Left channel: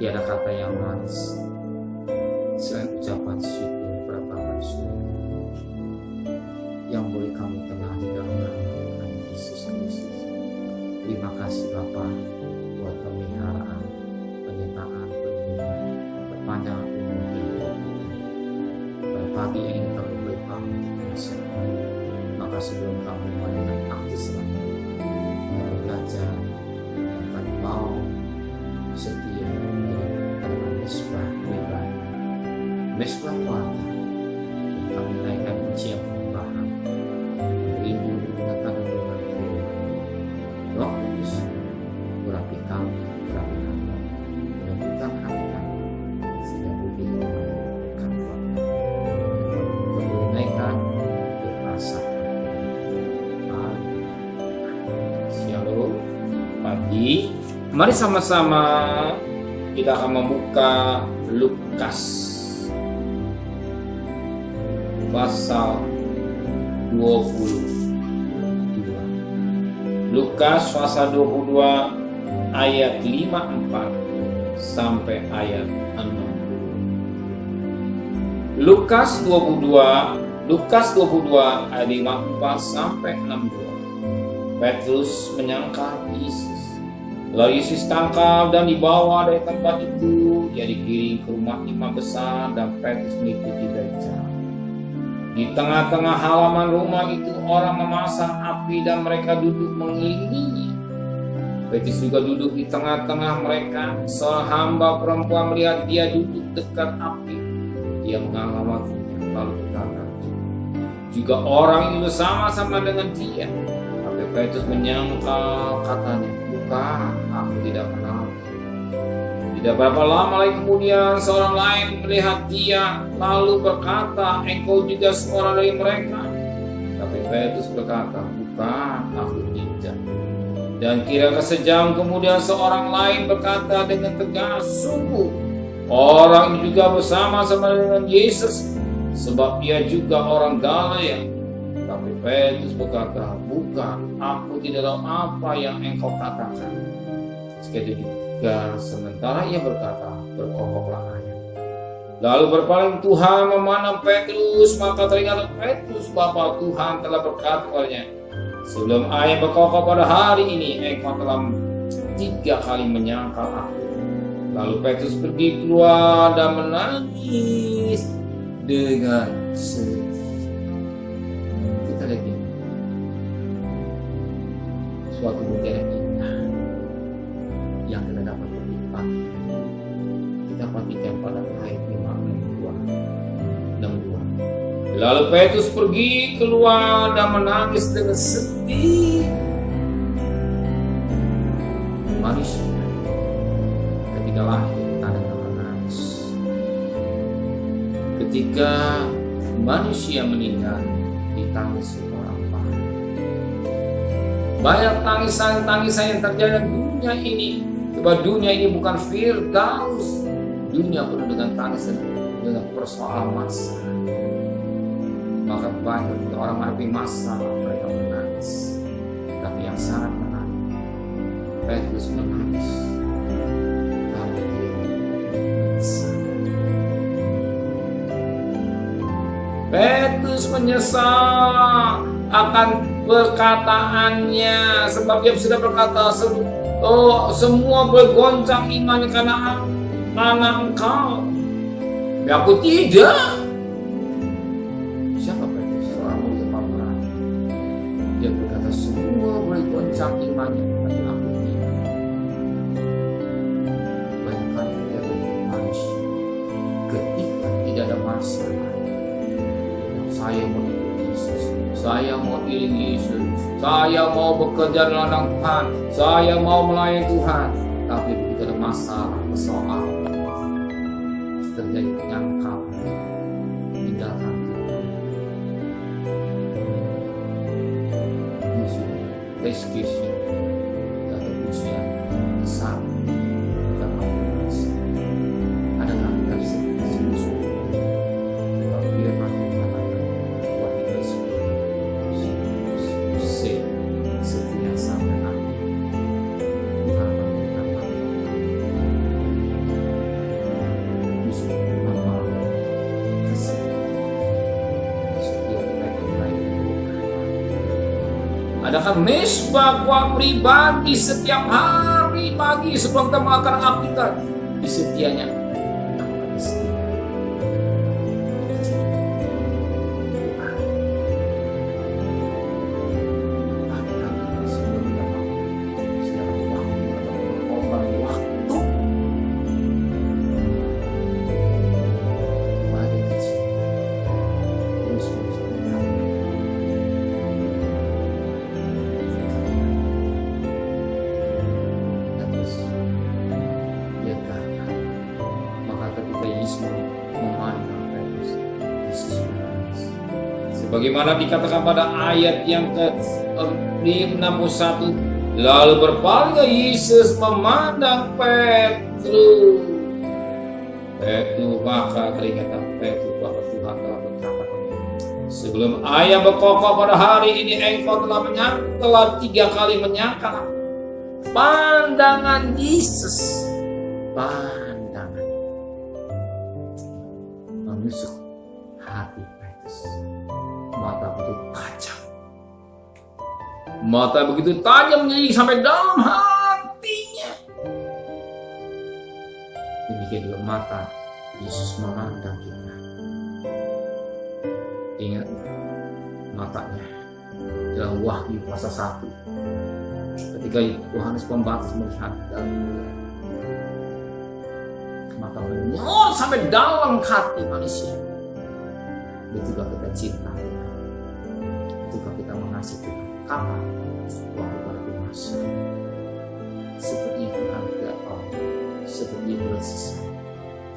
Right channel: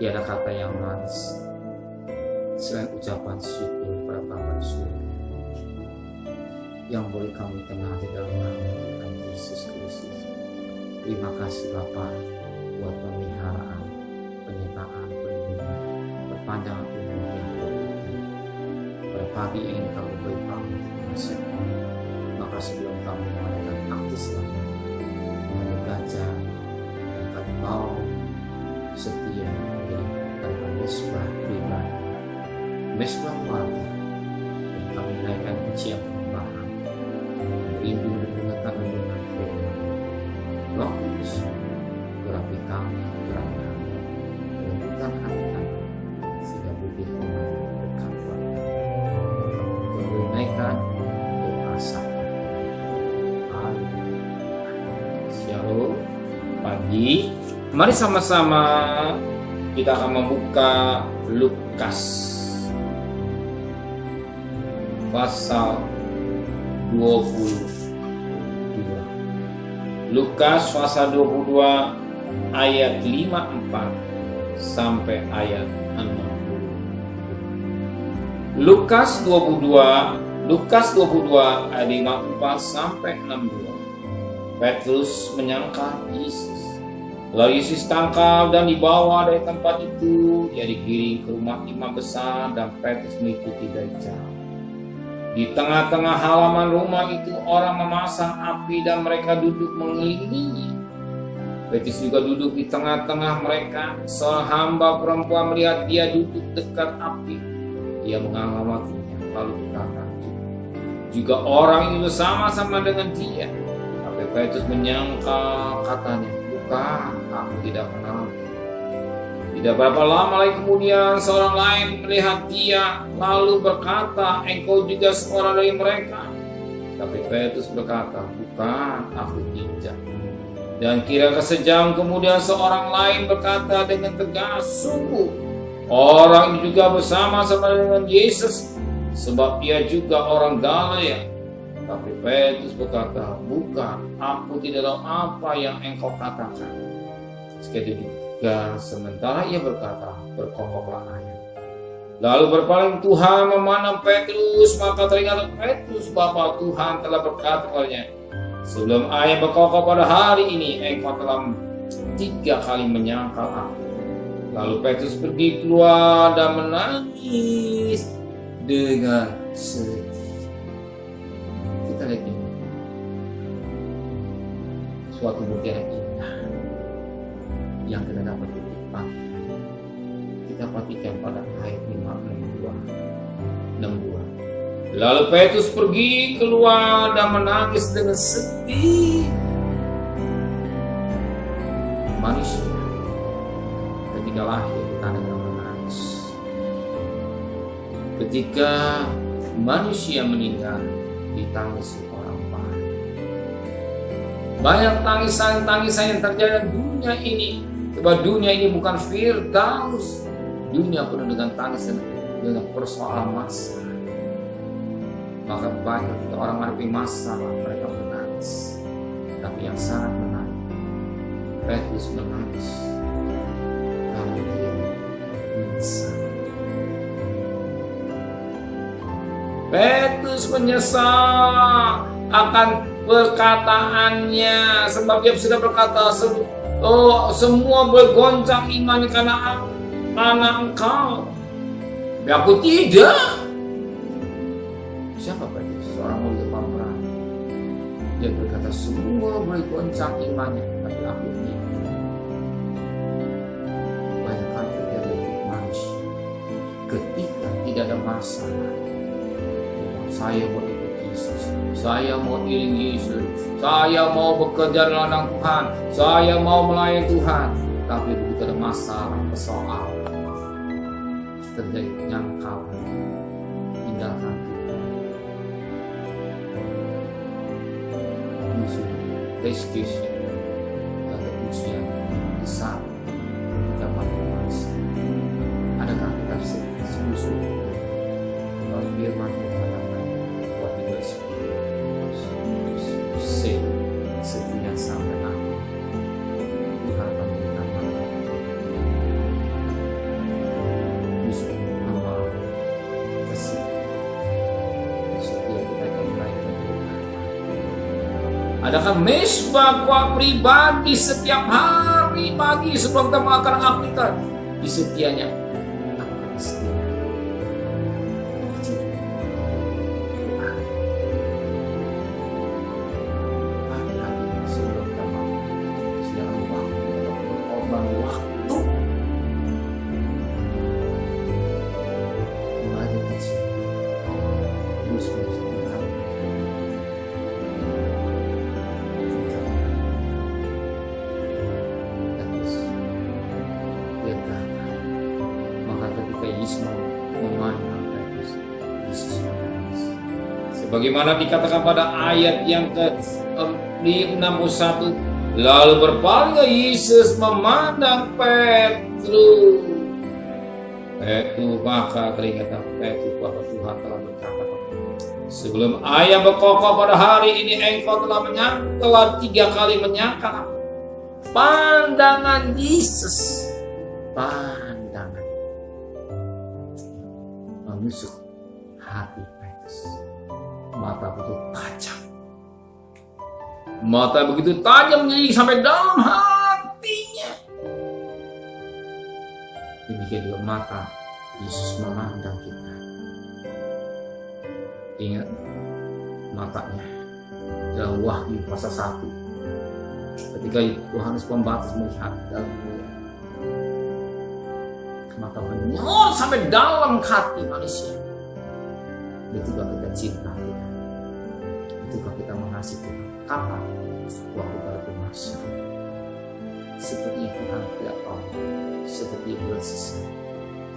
Tiada kata yang manis selain ucapan syukur kepada Bapa di surga yang boleh kami kenal di dalam nama Tuhan Yesus Kristus. Terima kasih Bapa buat pemeliharaan, penyertaan, perlindungan, perpanjangan umur yang Kau berikan. Pada pagi yang ini kami beri pamit penasihat. Maka sebelum kami mengadakan akti selamat, kami belajar dan kami mau setia menjadi adalah mesbah pribadi, mesbah keluarga, dan kami naikkan pujian penyembahan, rindu mendengarkan renungan firman. Roh Kudus, berapi kami, berapi hamba, melembutkan hati kami, sehingga bukti firman berkat buat kami. Dan kami juga boleh naikkan doa sapa. Shalom pagi. Mari sama-sama kita akan membuka Lukas pasal 22. Lukas pasal 22 ayat 54 sampai ayat 60. Lukas 22 ayat 54 sampai 62. Petrus menyangkal Yesus. Lalu Yesus tangkap dan dibawa dari tempat itu. Ia digiring ke rumah imam besar dan Petrus mengikuti dari jauh. Di tengah-tengah halaman rumah itu orang memasang api dan mereka duduk mengelilinginya. Petrus juga duduk di tengah-tengah mereka. Seorang hamba perempuan melihat dia duduk dekat api. Ia mengamatinya lalu berkata, juga orang itu bersama-sama dengan dia. Tapi Petrus menyangkal, katanya, bukan, aku tidak kenal. Tidak berapa lama lagi kemudian seorang lain melihat dia lalu berkata, engkau juga seorang dari mereka. Tapi Petrus berkata, bukan, aku tidak. Dan kira-kira sejam kemudian seorang lain berkata dengan tegas, sungguh orang ini juga bersama-sama dengan Yesus, sebab ia juga orang Galilea. Tapi Petrus berkata, bukan, aku tidak tahu apa yang engkau katakan. Sekali juga sementara ia berkata, berkokoklah ayam. Lalu berpaling Tuhan memandang Petrus, maka teringat Petrus, Bapa Tuhan telah berkata kepadanya, sebelum ayam berkokok pada hari ini, engkau telah 3 kali menyangkal aku. Lalu Petrus pergi keluar dan menangis dengan sedih. Kita lihat ini, suatu bukti yang indah yang kita dapat perhatikan. Kita perhatikan pada ayat 62. Lalu Petrus pergi keluar dan menangis dengan sedih. Manusia ketika lahir ditanda dengan menangis. Ketika manusia meninggal ditangisi orang banyak. Banyak tangisan-tangisan yang terjadi dalam dunia ini. Sebab dunia ini bukan firdaus. Dunia penuh dengan tangisan, dengan persoalan masalah. Maka banyak ketika orang menghadapi masalah mereka menangis. Tapi yang sangat menarik, Petrus menangis karena dia menyesal. Petrus menyesal akan perkataannya, sebab dia sudah berkata, semua bergoncang imannya karena anak engkau. Tapi aku tidak. Siapa Petrus? Seorang mulia pemberani. Dia berkata, semua bergoncang imannya, tapi aku tidak. Banyak kali terjadi manusia ketika tidak ada masalah. Saya mau ikut Yesus, saya mau iring Yesus, saya mau bekerja di ladang Tuhan, saya mau melayani Tuhan. Tapi begitu ada masalah, persoalan, terjadi penyangkalan, tinggalkan Tuhan. Yesus, rescue, atau ujian di saat ketika mampu masa. Adakah kita sungguh-sungguh bahwa firman yang mengatakan setia sampai akhir. Tuhan memberikan makhluk. adakan mesbah gua pribadi setiap hari pagi sebelum kita makan aktivitas. Di setianya, apa kata setia? Pagi-pagi sebelum kita makan, sediakan waktu atau berkorban waktu. Mulai kecil, terus meningkatkan. Maka ketika Yesus memandang Petrus, Yesus menangis. Sebagaimana dikatakan pada ayat yang ke-61, lalu berpalinglah Yesus memandang Petrus. Maka teringat Petrus bahwa Tuhan telah berkata, sebelum ayam berkokok pada hari ini engkau telah 3 kali menyangkal aku. Pandangan Yesus, pandangan menusuk hati Petrus. Mata begitu tajam, mata begitu tajam jadi sampai dalam hatinya. Demikian juga mata Yesus memandang kita. Ingat matanya dalam Wahyu pasal 1. Ketika Yohanes Pembaptis melihat dalam mulia, mata menyala sampai dalam hati manusia. Betulkah kita cinta Tuhan? Betulkah kita mengasihi Tuhan? Kapan? Waktu pada masa. Sepertinya Tuhan tidak tahu, seperti bulan selesai.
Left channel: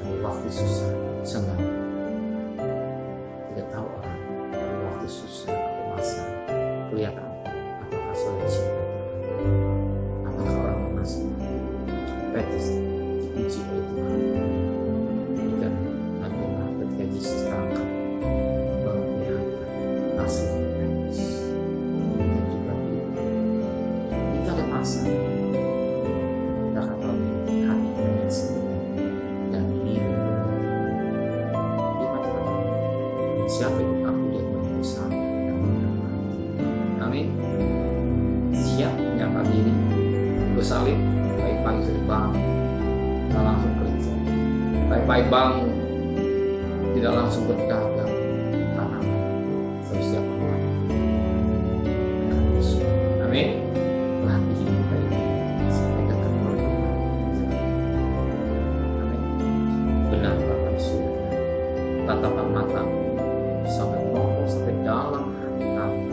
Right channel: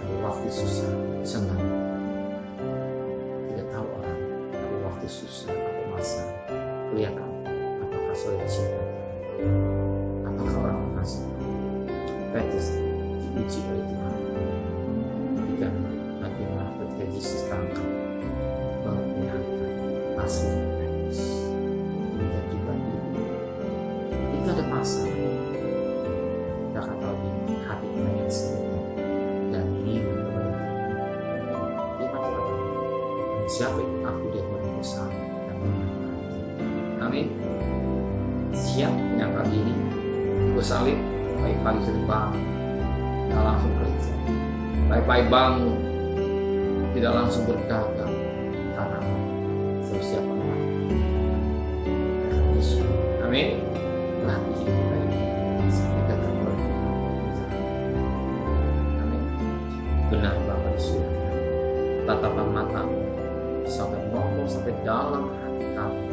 Tapi waktu susah, senang. Tidak tahu orang, tapi waktu susah atau masa kelihatan apakah saudara cinta Tuhan. Apakah orang mengasihi Petrus diuji oleh Tuhan. Jika bagaimana ketika Yesus tangkap bahwa kelihatan asli Petrus. Demikian juga itu. Jika ada masalah, kita akan tahu ini hati kita yang sebenarnya dan ingin kepada Tuhan. Firman Tuhan, siapa ikut aku dia menunggu sampai dan menangkap. Amin. Siap menyangkal diri, bersalin, pagi-pagi sudah bangun, tidak langsung kerja, pagi-pagi bangun, tidak langsung berdagang, karena siap mati. Amin. Latih hidup kita ini sampai dekat oleh Tuhan. Amin. Benar Bapa di surga, tatapan matamu sampai ngomong sampai dalam hati kami.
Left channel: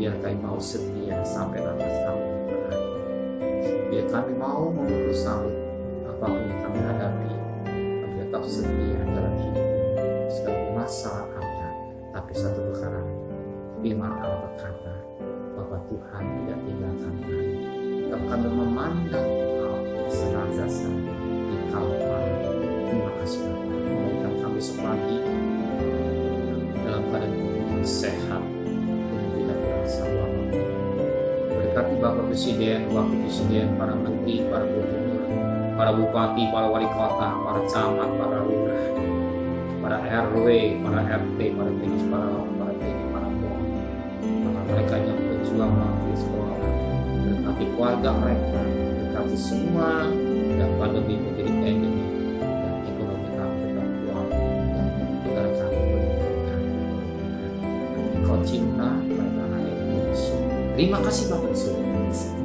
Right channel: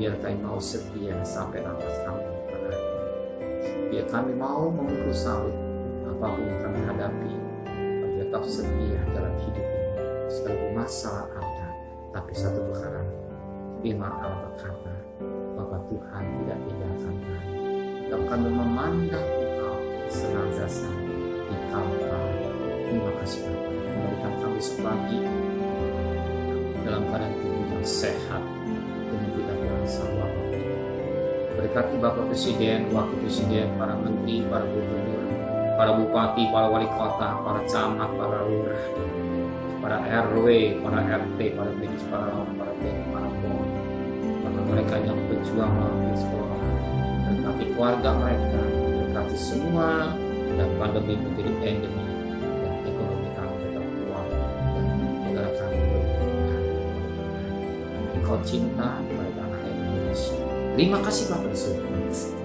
Biar kami mau setia sampai nafas kami berakhir. Biar kami mau memikul salib apapun yang kami hadapi, kami tetap setia dalam hidup ini. Sekalipun masalah ada, tapi satu perkara, firman Allah berkata, bahwa Tuhan tidak tinggalkan kami. Dan kami memandang Engkau senantiasa di Kalpari. Terima kasih Bapa. Kembalikan kami besok pagi dalam keadaan tubuh yang sehat, dengan tidak berasa apapun. Berkati Bapak Presiden, Wakil Presiden, para menteri, para gubernur, para bupati, para wali kota, para camat, para lurah, para RW, para RT, para medis, para lawan, para TNI, para Polri, bahkan mereka yang berjuang melalui sekolah. Berkati keluarga mereka, berkati semua, dan pandemi menjadi endemi, dan ekonomi kami tetap kuat, dan negara kami berlimpah. Engkau cinta pada tanah air Indonesia. Terima kasih Bapak Surga.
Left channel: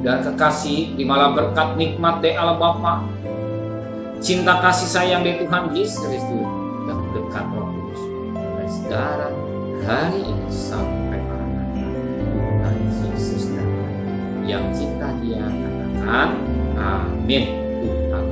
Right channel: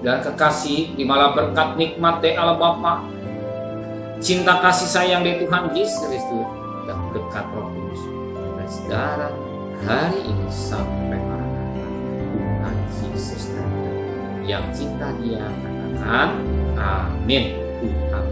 Dan kekasih, terimalah berkat nikmat dari Allah Bapa, cinta kasih sayang dari Tuhan Yesus Kristus, dan berkat Roh Kudus dari saudara hari ini sampai Maranatha. Tuhan Yesus datang. Yang cinta Dia katakan amin. Tuhan